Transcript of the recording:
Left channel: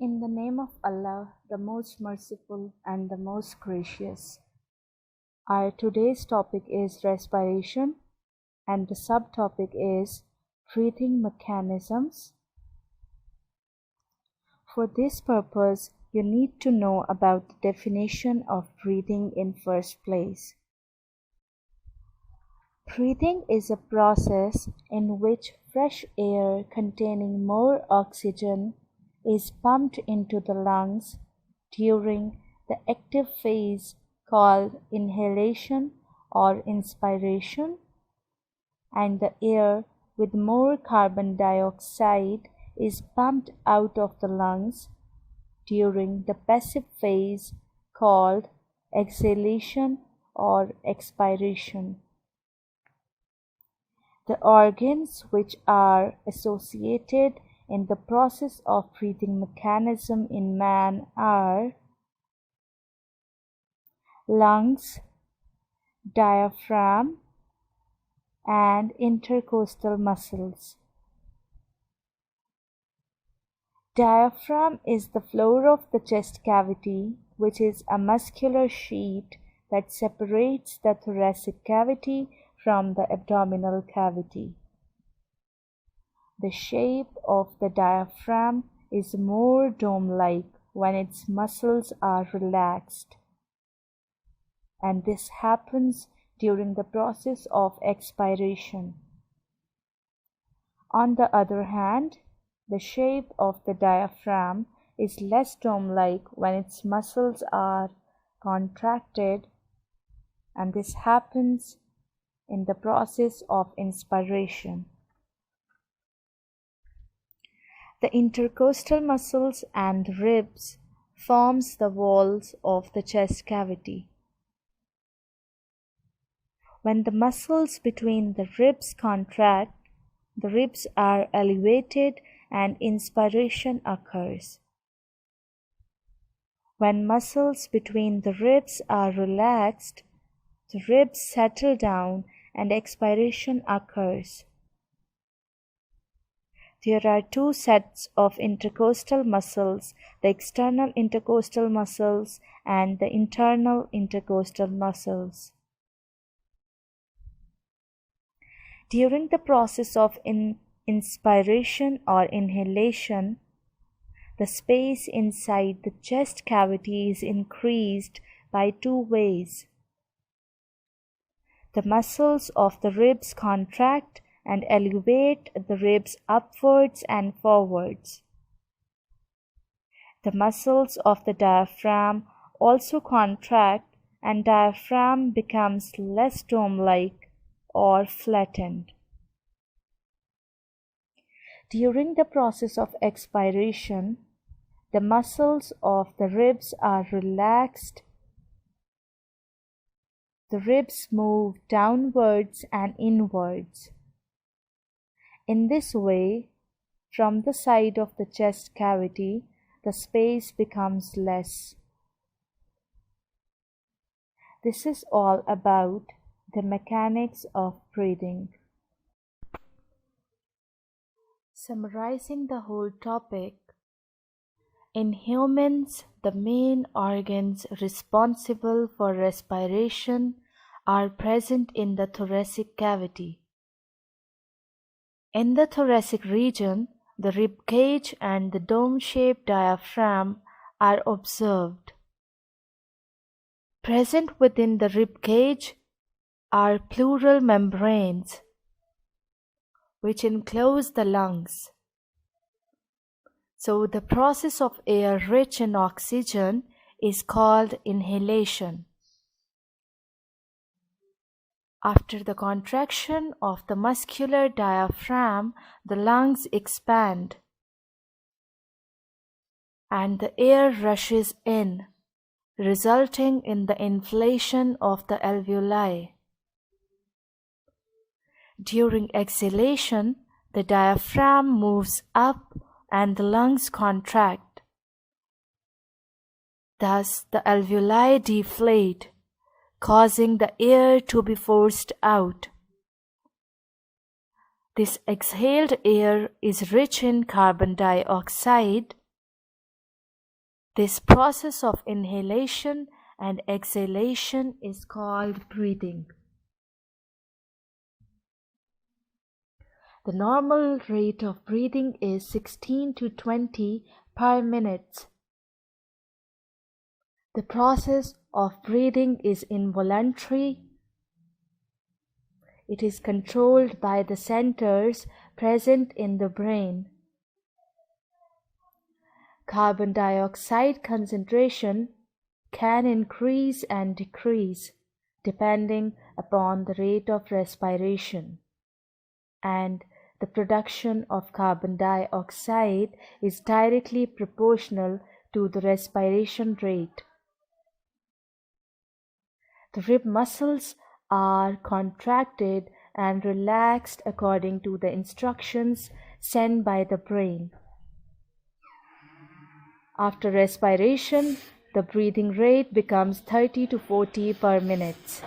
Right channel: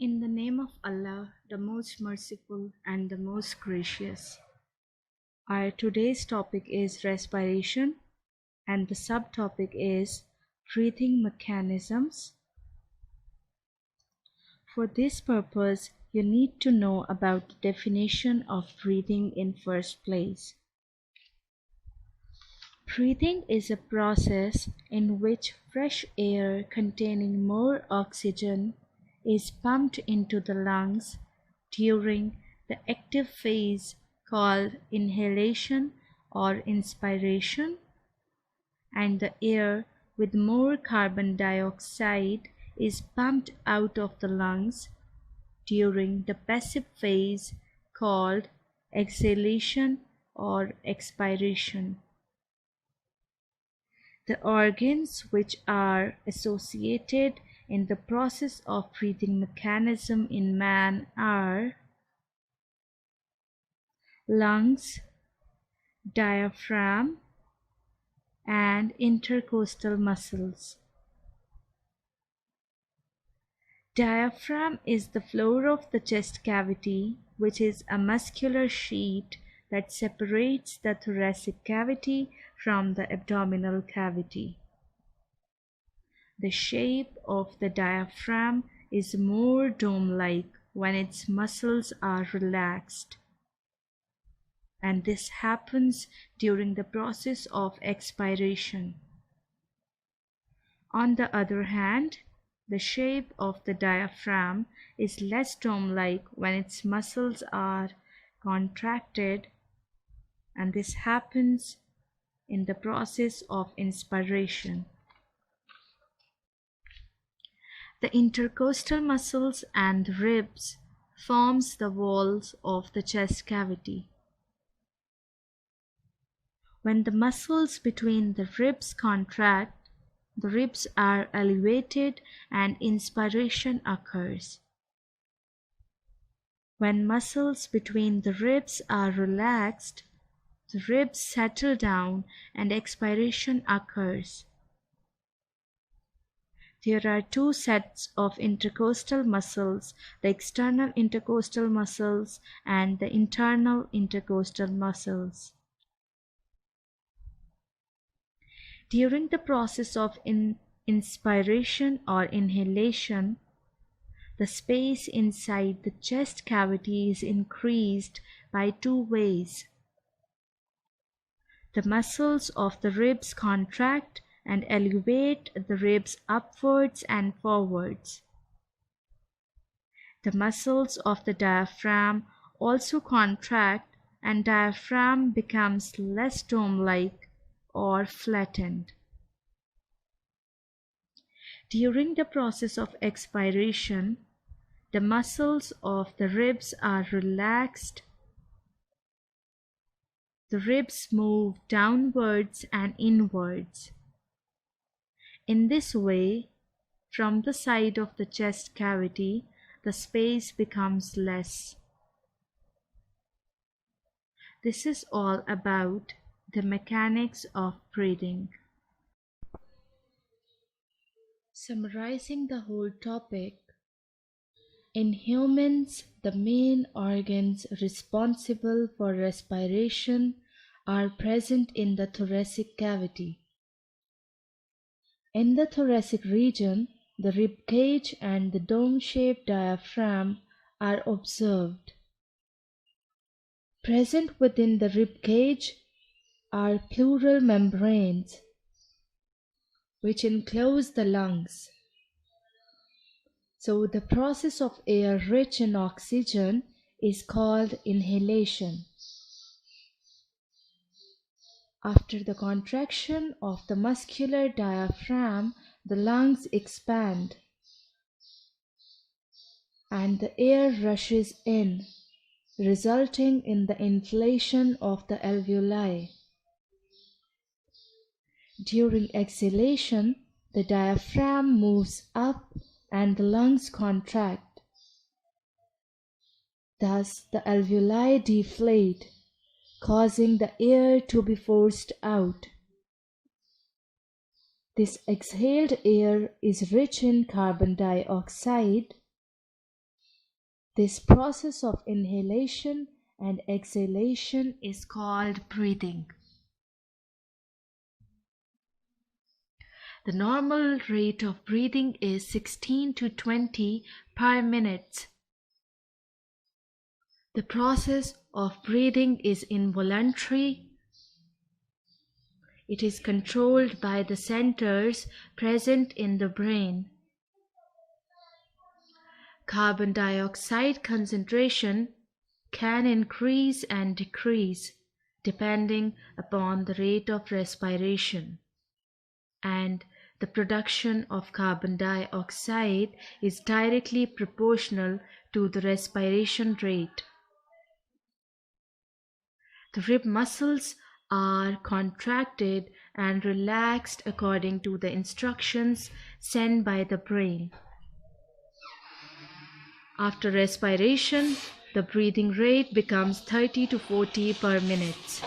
In the name of Allah, the most merciful and the most gracious. Our today's topic is respiration, and the subtopic is breathing mechanisms. For this purpose, you need to know about the definition of breathing in first place. Breathing is a process in which fresh air containing more oxygen is pumped into the lungs during the active phase called inhalation or inspiration, and the air with more carbon dioxide is pumped out of the lungs during the passive phase called exhalation or expiration. The organs which are associated in the process of breathing mechanism in man are lungs, diaphragm, and intercostal muscles. Diaphragm is the floor of the chest cavity, which is a muscular sheet that separates the thoracic cavity from the abdominal cavity. The shape of the diaphragm is more dome-like when its muscles are relaxed, and this happens during the process of expiration. On the other hand, the shape of the diaphragm is less dome-like when its muscles are contracted, and this happens in the process of inspiration. The intercostal muscles and ribs forms the walls of the chest cavity. When the muscles between the ribs contract, the ribs are elevated and inspiration occurs. When muscles between the ribs are relaxed, the ribs settle down and expiration occurs. There are two sets of intercostal muscles, the external intercostal muscles and the internal intercostal muscles. During the process of inspiration or inhalation, the space inside the chest cavity is increased by two ways. The muscles of the ribs contract and elevate the ribs upwards and forwards. The muscles of the diaphragm also contract, and diaphragm becomes less dome-like or flattened. During the process of expiration, the muscles of the ribs are relaxed. The ribs move downwards and inwards. In this way, from the side of the chest cavity, the space becomes less. This is all about the mechanics of breathing. Summarizing the whole topic, in humans, the main organs responsible for respiration are present in the thoracic cavity. In the thoracic region, the rib cage and the dome-shaped diaphragm are observed. Present within the rib cage are pleural membranes, which enclose the lungs. So the process of air rich in oxygen is called inhalation. After the contraction of the muscular diaphragm, the lungs expand and the air rushes in, resulting in the inflation of the alveoli. During exhalation, the diaphragm moves up and the lungs contract. Thus, the alveoli deflate, causing the air to be forced out. This exhaled air is rich in carbon dioxide This process of inhalation and exhalation is called breathing. The normal rate of breathing is 16 to 20 per minute. The process of breathing is involuntary. It is controlled by the centers present in the brain. Carbon dioxide concentration can increase and decrease depending upon the rate of respiration, and the production of carbon dioxide is directly proportional to the respiration rate. The rib muscles are contracted and relaxed according to the instructions sent by the brain. After respiration, the breathing rate becomes 30 to 40 per minute.